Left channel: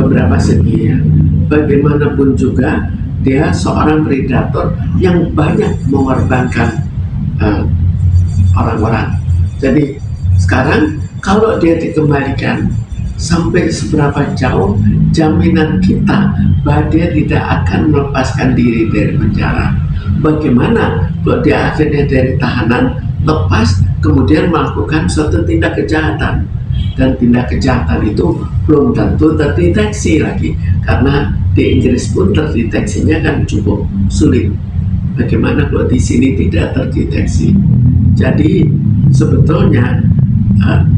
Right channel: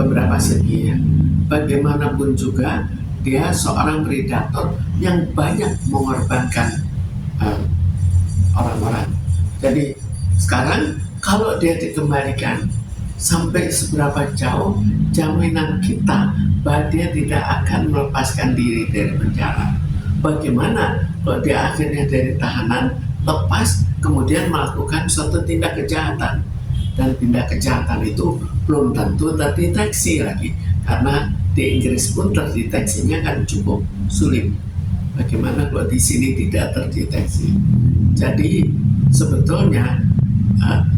beberapa segi ya. Bagaimanapun juga dia seorang predator yang banyak mengorbankan orang-orang. Jadi sekarang kalau dia dikembalikan, sampai seberapa jauh jaminan kita bahwa dia tidak akan melepaskan diri dari penjara? Bagaimana kalau dia akhirnya dari tahanan lepas kemudian melakukan suatu tindak kejahatan, dan tindak kejahatan itu belum tentu terdeteksi lagi, karena di Inggris pun terdeteksinya kan cukup sulit. Bagaimana kalau di sini tidak terdeteksi? Jadi sebetulnya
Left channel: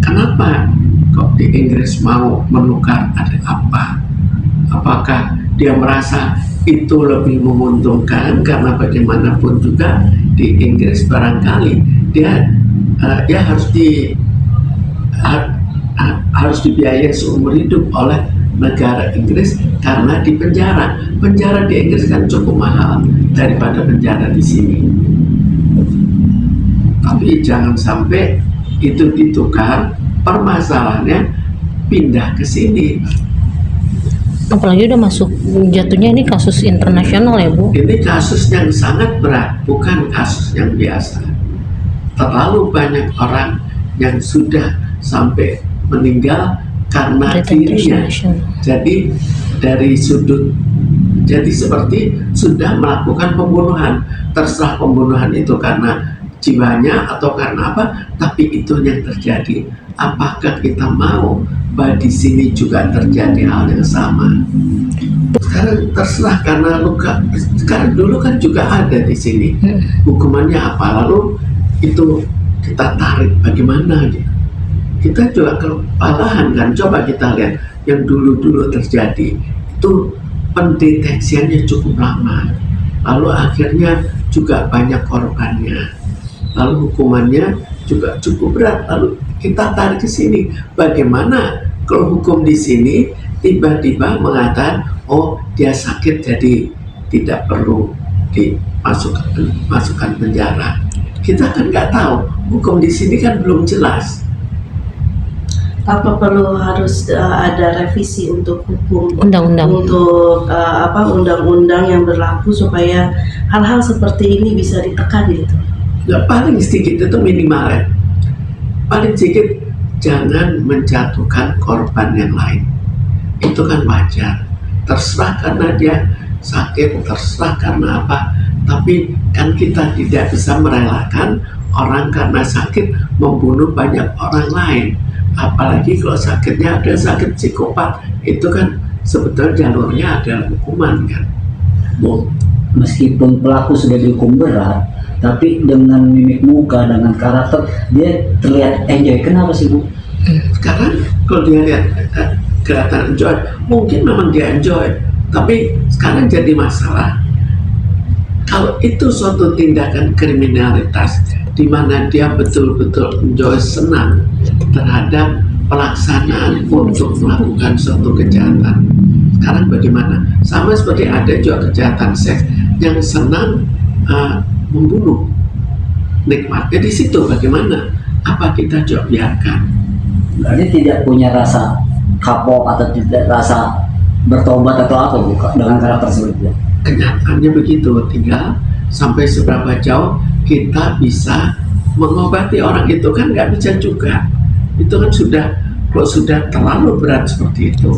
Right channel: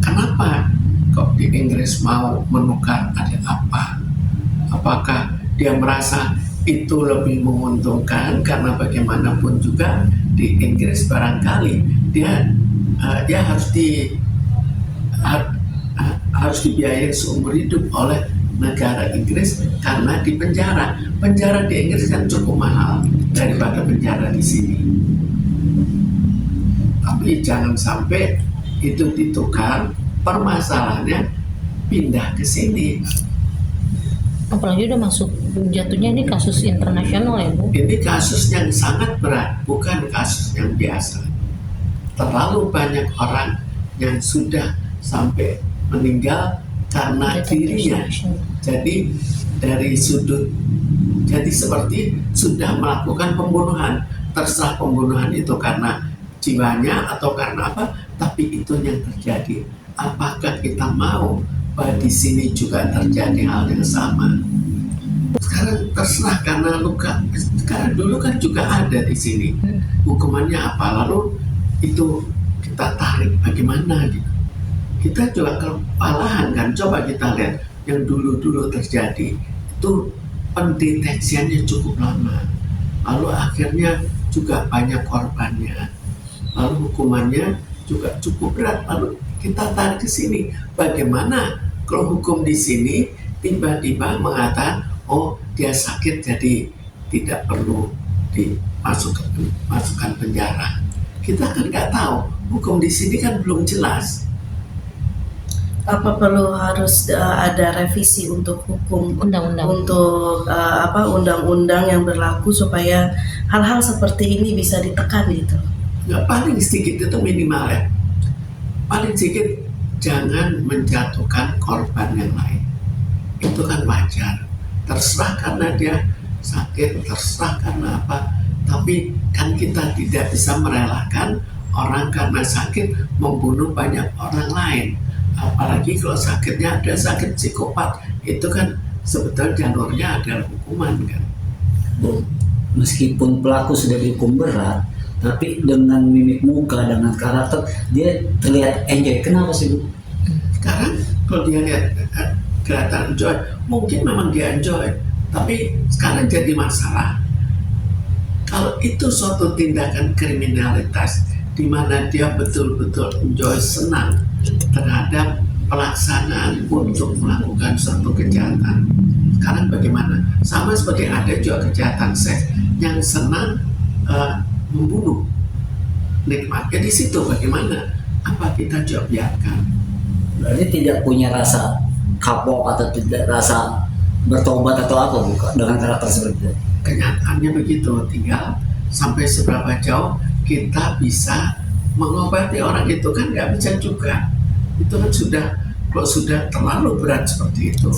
kenapa kok di Inggris mau menukar, ada apa? Apakah dia merasa itu lebih menguntungkan? Karena bagaimanapun juga di Inggris barangkali dia harus dibiayai seumur hidup oleh negara Inggris karena di penjara. Penjara di Inggris kan cukup mahal daripada penjara di sini. Tapi jangan sampai itu ditukar, permasalahannya pindah ke sini. Apalagi udah masuk, jatuhnya ini kasus internasional ya Bu? Ini kasus yang sangat berat, bukan kasus yang biasa. Terlalu banyak orang yang sudah sampai meninggal karena dirinya. Jadi dari sudut, jadi seperti sudah melakukan pembunuhan. Terserah pembunuhan itu karena jiwanya atau karena apa, tapi itu yang terjadi. Apakah kita mau bahwa di sini juga terjadi hal yang sama? Sekarang terserah, karena luka. Sekarang dulu kan juga ada di sini. Hukumannya apa? Lalu itu kita tarik bagaimana gitu. Kita juga kewalahan kan. Coba kita lihat yang dulu-dulu terjadi itu pendeteksiannya cukup lama. Lalu akhirnya juga banyak korbannya. Lalu hukumannya juga cukup berat. Lalu kita tarik ke sini. Bagaimana kalau hukum di sini tiba-tiba mengatakan, oh dia sakit jadi tidak perlu dimasukkan penjara. Kita kan nggak tahu. Hukum di sini kan belum jelas. Apa perlu harus ada revisi untuk hukum Undang-undang. untuk undang-undang yang berlaku supaya hal-hal seperti ini bisa ditekan gitu? Ya, paling sedikit itu minimal ya. Paling sedikit jangan menjatuhkan korban yang lain. Itu kan wajar. Terserah karena dia sakit, terserah karena apa. Tapi kan kita tidak bisa merelakan orang karena sakit membunuh banyak orang lain. Apalagi kalau sakitnya ada sakit psikopat, itu kan sebetulnya jalurnya adalah hukuman kan. Meskipun pelaku sudah dihukum berat, tapi dengan mimik muka, dengan karakter, dia terlihat enjoy. Kenapa sih Bu? Sekarang kalau dia lihat kelihatan enjoy, mungkin memang dia enjoy. Tapi sekarang jadi masalah, kalau itu suatu tindakan kriminalitas di mana dia betul-betul enjoy, senang terhadap pelaksanaan untuk melakukan suatu kejahatan. Sekarang bagaimana? Sama seperti ada juga kejahatan seks yang senang membunuh, nikmatnya di situ. Bagaimana? Apa kita juga biarkan? Berarti tidak punya rasa kapok atau tidak rasa bertobat atau apa Bu dengan karakter seperti itu? Kenyataannya begitu. Tinggal sampai seberapa jauh kita bisa mengobati orang itu kan nggak bisa juga. Itu kan kalau sudah terlalu berat seperti itu,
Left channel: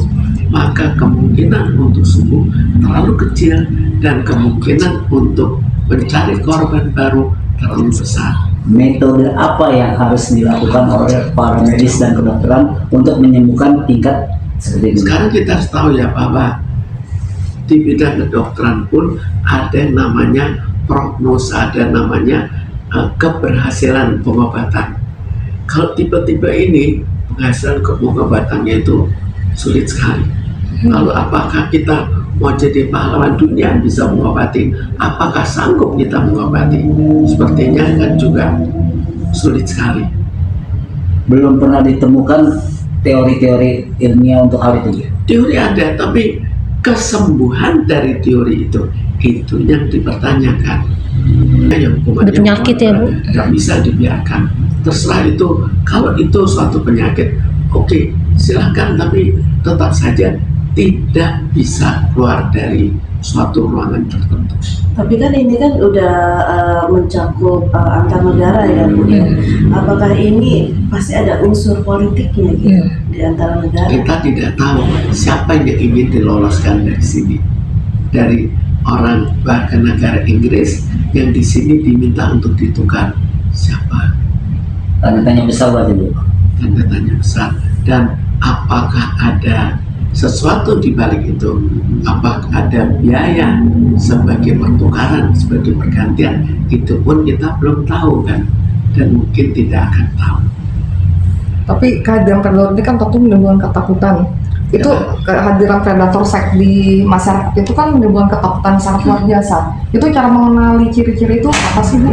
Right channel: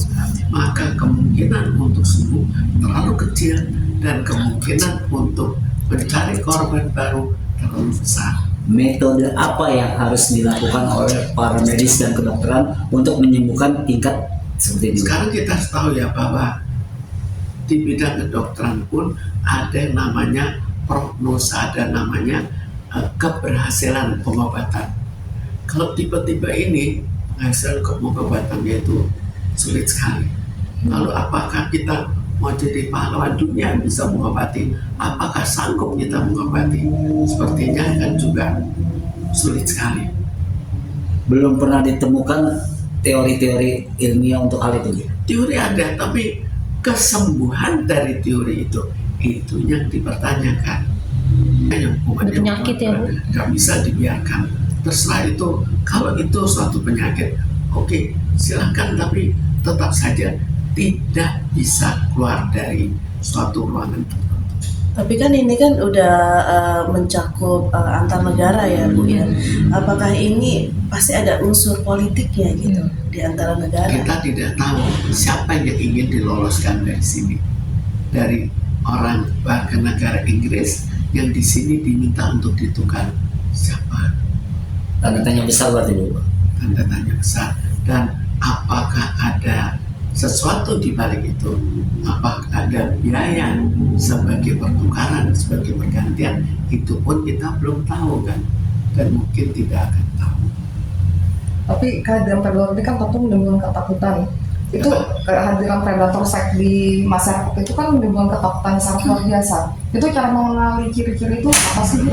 maka kemungkinan untuk sembuh terlalu kecil dan kemungkinan untuk mencari korban baru terlalu besar. Metode apa yang harus dilakukan oleh para medis dan kedokteran untuk menyembuhkan tingkat seperti ini? Sekarang kita harus tahu ya bahwa di bidang kedokteran pun ada yang namanya prognosa, ada namanya keberhasilan pengobatan. Kalau tipe-tipe ini penghasilan pengobatannya itu sulit sekali. Lalu apakah kita mau jadi pahlawan dunia bisa mengobati? Apakah sanggup kita mengobati? Sepertinya kan juga sulit sekali. Belum pernah ditemukan teori-teori ilmiah untuk hal itu. Teori ada, tapi kesembuhan dari teori itu yang dipertanyakan. Ada penyakit ya Bu? Nggak bisa dibiarkan. Terserah itu, kalau itu suatu penyakit, oke, silakan, tapi tetap saja tidak bisa keluar dari suatu ruangan tertentu. Tapi kan ini kan udah mencakup antar negara ya Bu ya. Apakah ini pasti ada unsur politiknya gitu di antara negara? Kita tidak tahu siapa yang ingin diloloskan dari sini. Dari orang warga negara Inggris yang di sini diminta untuk ditukar siapa? Tanda tanya besar berarti Bu. Tanda tanya besar. Dan apakah ada sesuatu di balik itu? Apakah ada biaya sebagai pertukaran, sebagai pergantian? Itu pun kita belum tahu kan, dan mungkin tidak akan tahu. Tapi kehadiran predator ini kan tentu menimbulkan ketakutan. Itu kehadiran predator seks di masyarakat itu kan menimbulkan ketakutan sangat luar biasa. Itu cara mengenali ciri-ciri itu apa sih Bu?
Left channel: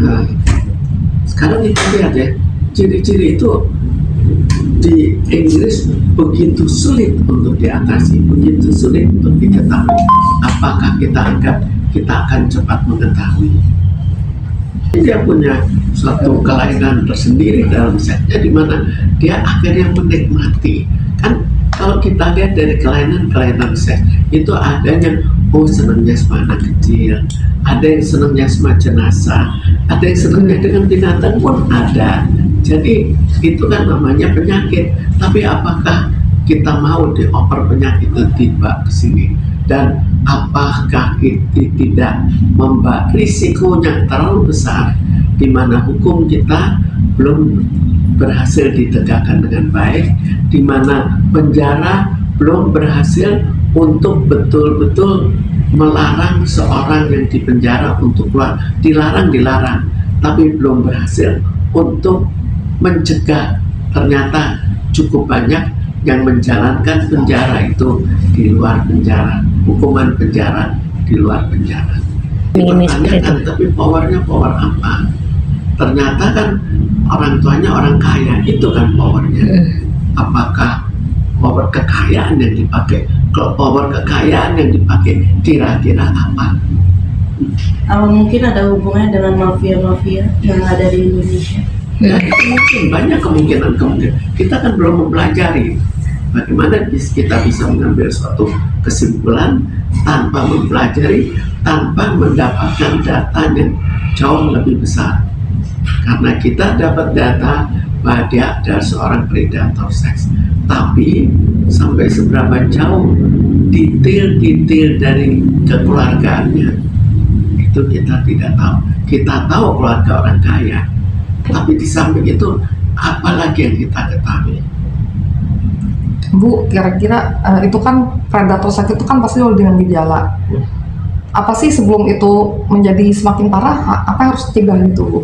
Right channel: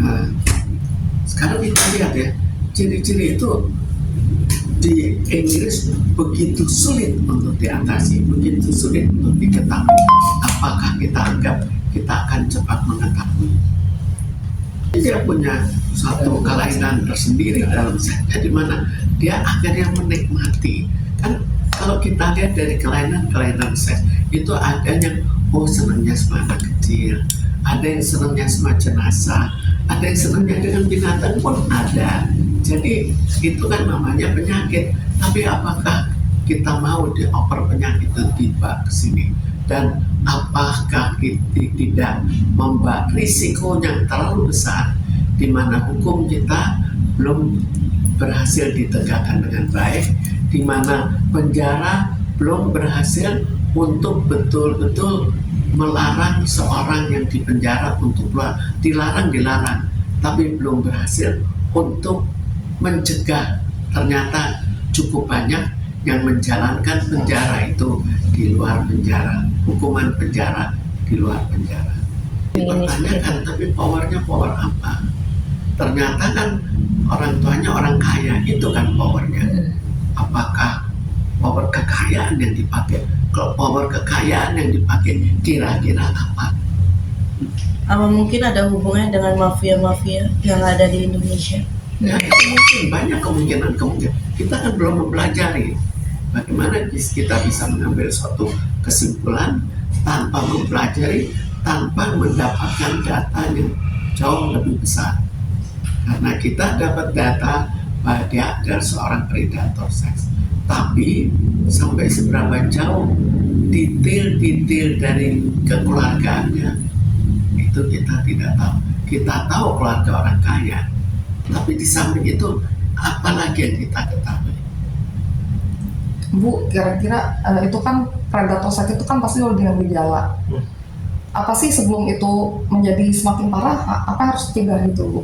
Nah, sekarang kita lihat ya, ciri-ciri itu di Inggris begitu sulit untuk diatasi, begitu sulit untuk diketahui. Apakah kita anggap kita akan cepat mengetahui? Dia punya suatu kelainan tersendiri dalam seksnya, di mana dia akhirnya menikmati. Kan kalau kita lihat dari kelainan seks itu ada yang senangnya sama anak kecil, ada yang senangnya sama jenazah, ada yang senangnya dengan binatang pun ada. Jadi itu kan namanya penyakit. Tapi apakah kita mau dioper penyakit itu tiba ke sini? Dan apakah kita tidak membawa risikonya terlalu besar, di mana hukum kita belum berhasil ditegakkan dengan baik, di mana penjara belum berhasil untuk betul-betul melarang seorang yang dipenjara untuk keluar. Dilarang, tapi belum berhasil untuk mencegah. Ternyata cukup banyak yang menjalankan penjara itu di luar penjara, hukuman penjara di luar penjara. Dipertanyakan, tapi powernya power apa? Ternyata kan orang tuanya orang kaya, itu kan powernya. Apakah power kekayaan yang dipakai? Kalau power kekayaan yang dipakai kira-kira apa? Apa mungkin ada hubungannya dengan mafia-mafia yang ada di Indonesia? Ya, mungkin banyak kemungkinan. Kita kan belum mempelajari bagaimana kita bisa mengambil suatu kesimpulan tanpa mempelajari, tanpa mendapatkan data yang jauh lebih besar. Karena kita dapat data bahwa dia adalah seorang predator seks, tapi sampai seberapa jauh detail-detail dari kekeluargaannya itu kita tidak tahu. Kita tahu keluarga orang kaya, tapi di samping itu apalagi yang kita ketahui? Bu, kira-kira itu kan predator seks itu kan pasti dengan gejala. Apa sih sebelum itu menjadi semakin parah, apa yang harus dicegah itu Bu?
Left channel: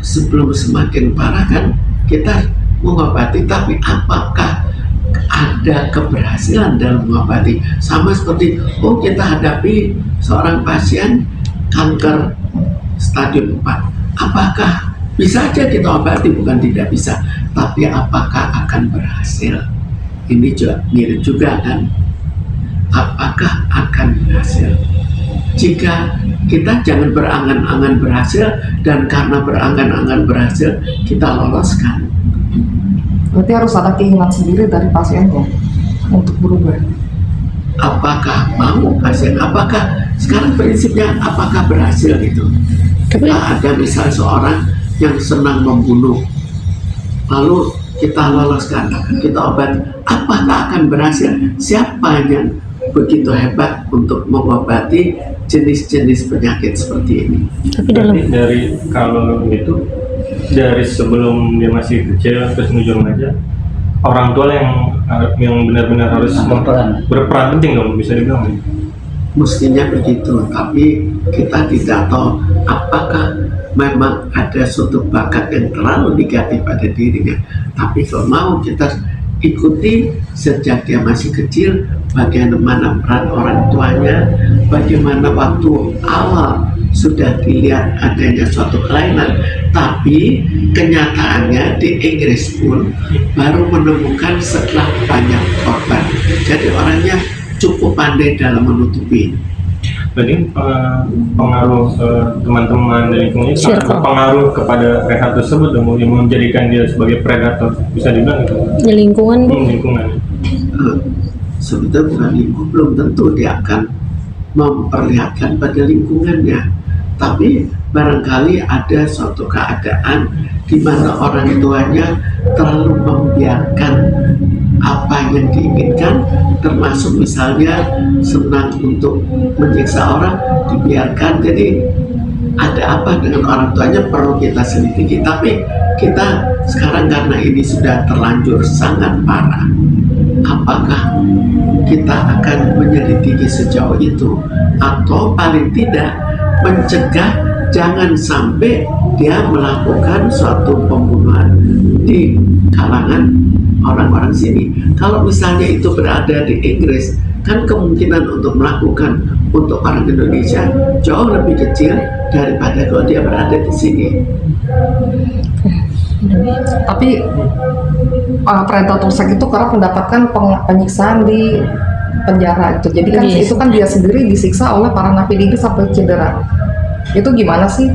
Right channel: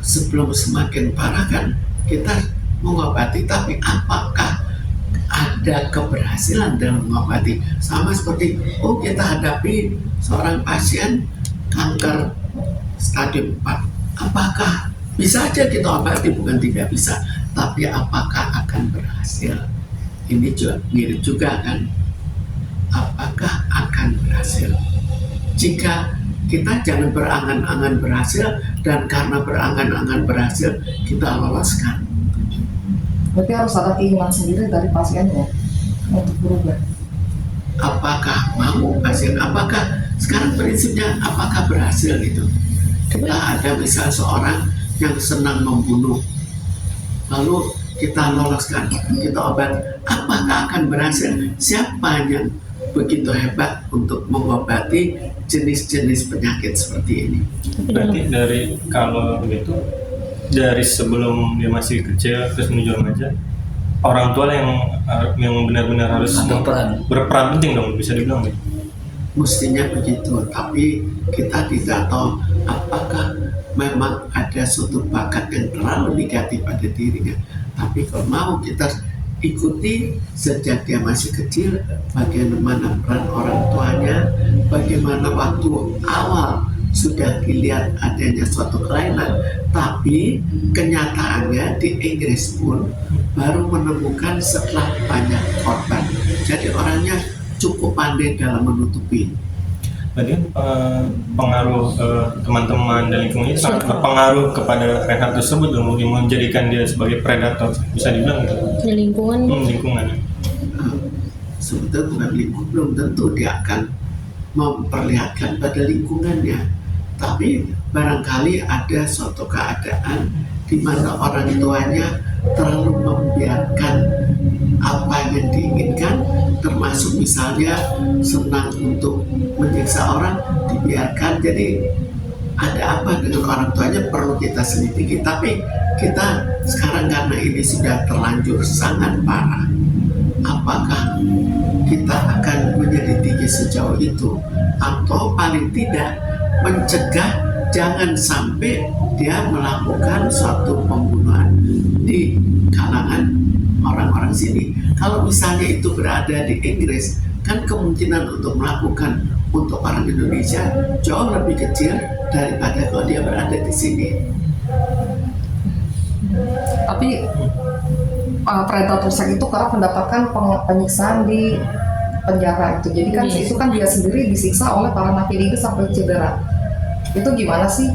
Sebelum semakin parah kan kita mengobati, tapi apakah ada keberhasilan dalam mengobati? Sama seperti kita hadapi seorang pasien kanker stadium 4. Apakah bisa aja kita obati? Bukan tidak bisa, tapi apakah akan berhasil? Ini juga mirip juga kan, apakah akan berhasil? Jika kita jangan berangan-angan berhasil, dan karena berangan-angan berhasil kita loloskan. Berarti harus ada keinginan sendiri dari pasiennya untuk berubah. Apakah mau pasien? Apakah sekarang prinsipnya apakah berhasil itu? Kita ada misalnya seorang yang senang membunuh, lalu kita loloskan, kita obati, apakah akan berhasil? Siapa yang begitu hebat untuk mengobati jenis-jenis penyakit seperti ini? Tapi dari kalau itu dari sebelum dia masih kecil terus menuju remaja, orang tua yang benar-benar harus berperan penting dong, bisa dibilang. Mestinya begitu, tapi kita tidak tahu apakah memang ada suatu bakat yang terlalu negatif pada dirinya. Tapi kalau mau kita ikuti sejak dia masih kecil, bagaimana peran orang tuanya, bagaimana waktu awal sudah dilihat adanya suatu kelainan, tapi kenyataannya di Inggris pun baru menemukan setelah banyak korban. Jadi orangnya cukup pandai dalam menutupi. berarti pengaruh teman-teman dan lingkungannya sangat Circle. berpengaruh kepada Reinhard tersebut dong, yang menjadikan dia sebagai predator, bisa dibilang gitu. Di lingkungan Lingkungan. Sebetulnya bukan lingkungan, belum tentu dia akan memperlihatkan pada lingkungannya, tapi barangkali ada suatu keadaan di mana orang tuanya terlalu membiarkan apa yang diinginkan, termasuk misalnya senang untuk menyiksa orang, dibiarkan. Jadi ada apa dengan orang tuanya perlu kita selidiki, tapi kita sekarang karena ini sudah terlanjur sangat parah, apakah kita akan menyelidiki sejauh itu, atau paling tidak mencegah jangan sampai dia melakukan suatu pembunuhan di kalangan orang-orang sini. Kalau misalnya itu berada di Inggris, kan kemungkinan untuk melakukan untuk orang Indonesia jauh lebih kecil daripada kalau dia berada di sini. Tapi predator seks itu kerap mendapatkan penyiksaan di penjara itu. Jadi kan Yes. itu kan dia sendiri disiksa oleh para napi itu sampai cedera. Itu gimana sih?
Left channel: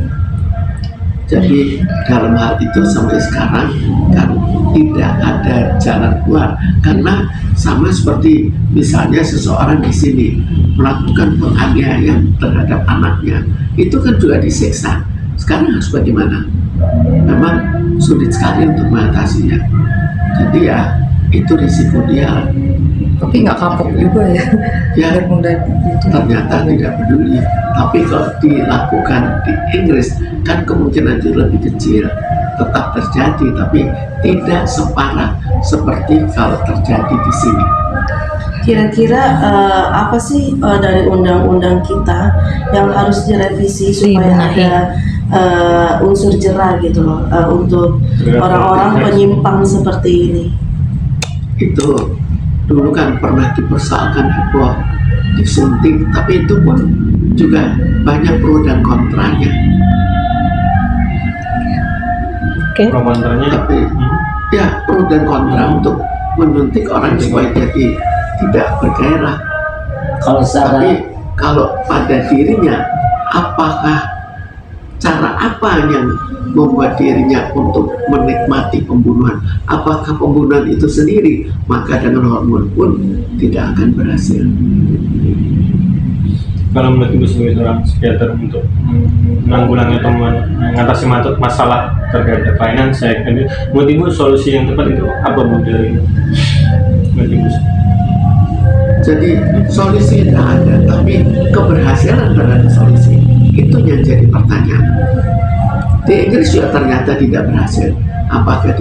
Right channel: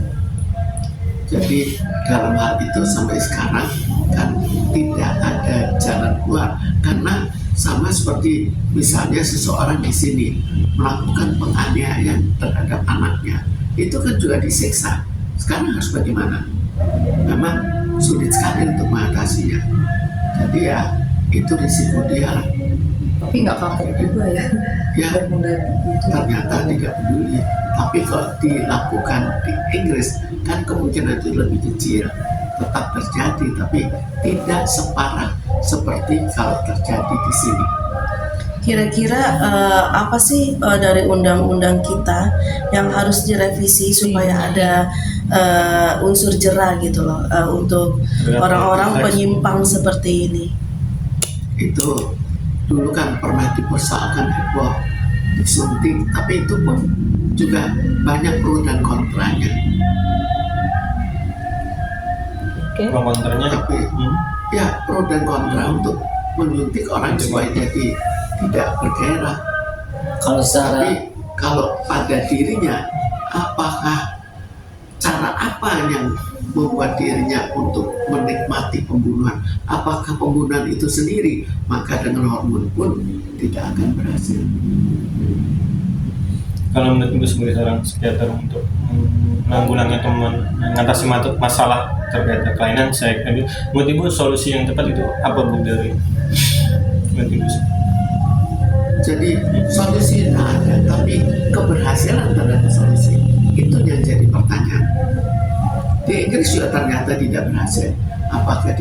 Jadi dalam hal itu sampai sekarang kan tidak ada jalan keluar, karena sama seperti misalnya seseorang di sini melakukan penganiayaan terhadap anaknya, itu kan juga disiksa. Sekarang harus bagaimana? Memang sulit sekali untuk mengatasinya. Jadi ya itu risiko dia. Tapi nggak kapok juga ya. Ya, Biar mudah gitu. ternyata tidak peduli. Tapi kalau dilakukan di Inggris kan kemungkinan itu lebih kecil, tetap terjadi, tapi tidak separah seperti kalau terjadi di sini. Kira-kira apa sih dari undang-undang kita yang harus direvisi supaya Dibenahi. ada unsur jera gitu loh untuk orang-orang penyimpang seperti ini? Itu dulu kan pernah dipersoalkan heboh, disunting, tapi itu pun juga banyak pro dan kontranya. Oke. Komentarnya Tapi ya pro dan kontra untuk menyuntik orang supaya jadi tidak bergairah. Kalau secara Tapi kalau pada dirinya, apakah cara apa yang membuat dirinya untuk menikmati pembunuhan? Apakah pembunuhan itu sendiri? Maka dengan hormon pun tidak akan berhasil. kalau menurut Ibu sebagai seorang psikiater untuk menanggulangi atau mengatasi masalah terkait kelainan seks, menurut Ibu solusi yang tepat itu apa, Bu, dari menurut Ibu? Jadi solusi tidak ada, tapi keberhasilan terhadap solusi itu yang jadi pertanyaan. Di Inggris juga ternyata tidak berhasil. Apakah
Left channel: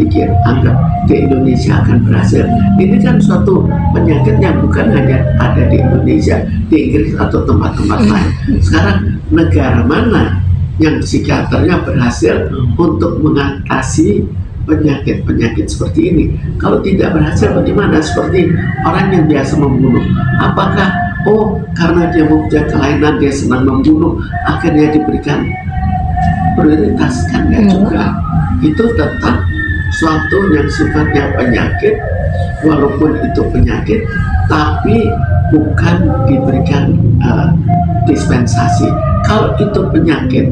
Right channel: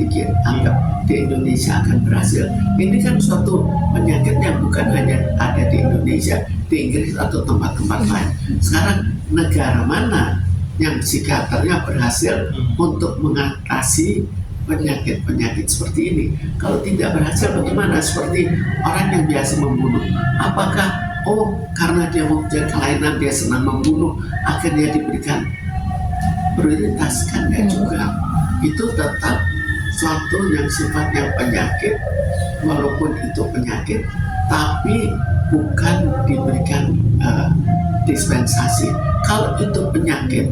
anggap di Indonesia akan berhasil? Ini kan suatu penyakit yang bukan hanya ada di Indonesia, di Inggris atau tempat-tempat lain. Sekarang negara mana yang psikiaternya berhasil untuk mengatasi penyakit-penyakit seperti ini? Kalau tidak berhasil bagaimana? Seperti orang yang biasa membunuh, apakah karena dia mempunyai kelainan dia senang membunuh akhirnya diberikan prioritas? Kan enggak juga. Itu tetap suatu yang sifatnya penyakit, walaupun itu penyakit tapi bukan diberikan dispensasi. Kalau itu penyakit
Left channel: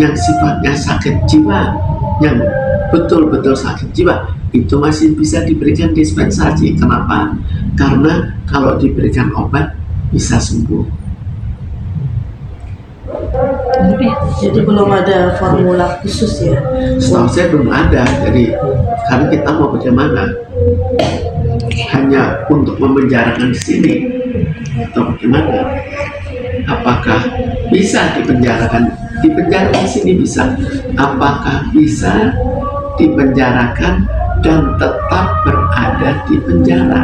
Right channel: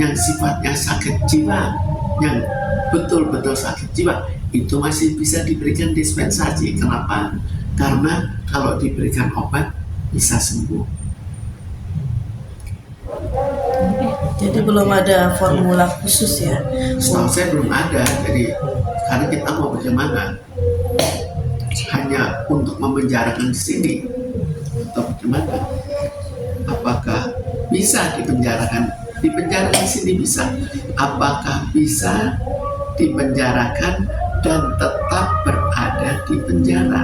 yang sifatnya sakit jiwa, yang betul-betul sakit jiwa, itu masih bisa diberikan dispensasi. Kenapa? Karena kalau diberikan obat bisa sembuh. Jadi belum ada formula khusus ya. Setahu saya belum ada. Jadi sekarang kita mau bagaimana? Hanya untuk memenjarakan di sini atau bagaimana? Apakah bisa dipenjarakan? Dipenjarakan di sini bisa. Apakah bisa dipenjarakan dan tetap berada di penjara?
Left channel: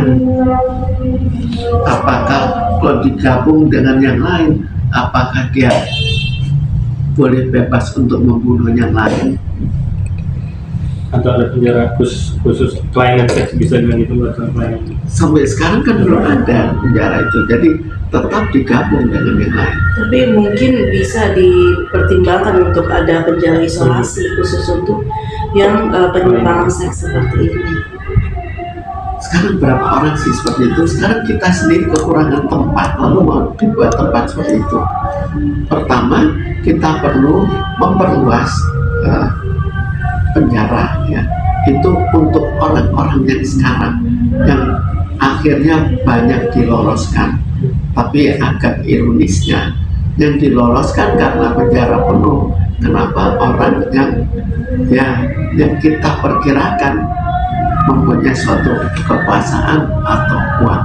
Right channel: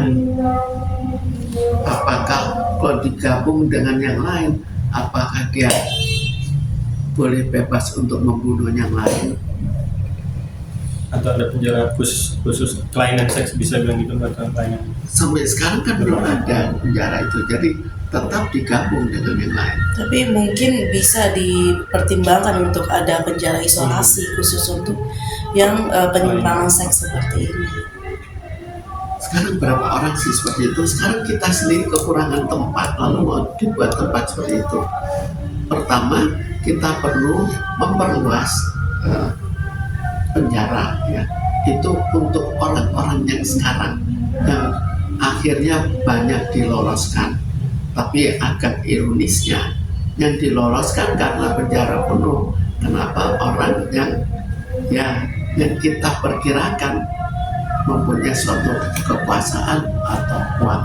Apakah kalau digabung dengan yang lain, apakah dia boleh bebas untuk membunuh yang lain? Atau ada penjara khusus kelainan seks, bisa bilang itu atau kelainan? Sampai sekarang kan belum ada penjara itu, jadi tetap digabung dengan yang lain. Tapi mungkin bisa dipertimbangkan untuk ada penjara isolasi khusus untuk yang penyimpangan seks seperti ini. sekarang berapa orang sih seperti itu? Sekarang kita sendiri kekurangan tempat, lalu mau dibuat tempat seperti itu. Pertama, kita perlu memperluas penjara, ya. Itu untuk orang-orang yang sekarang yang akhirnya banyak diloloskan. Tapi agak ironisnya, yang diloloskan karena penjara penuh. Kenapa? Orang yang kita perkirakan mempunyai suatu kekuasaan atau uang.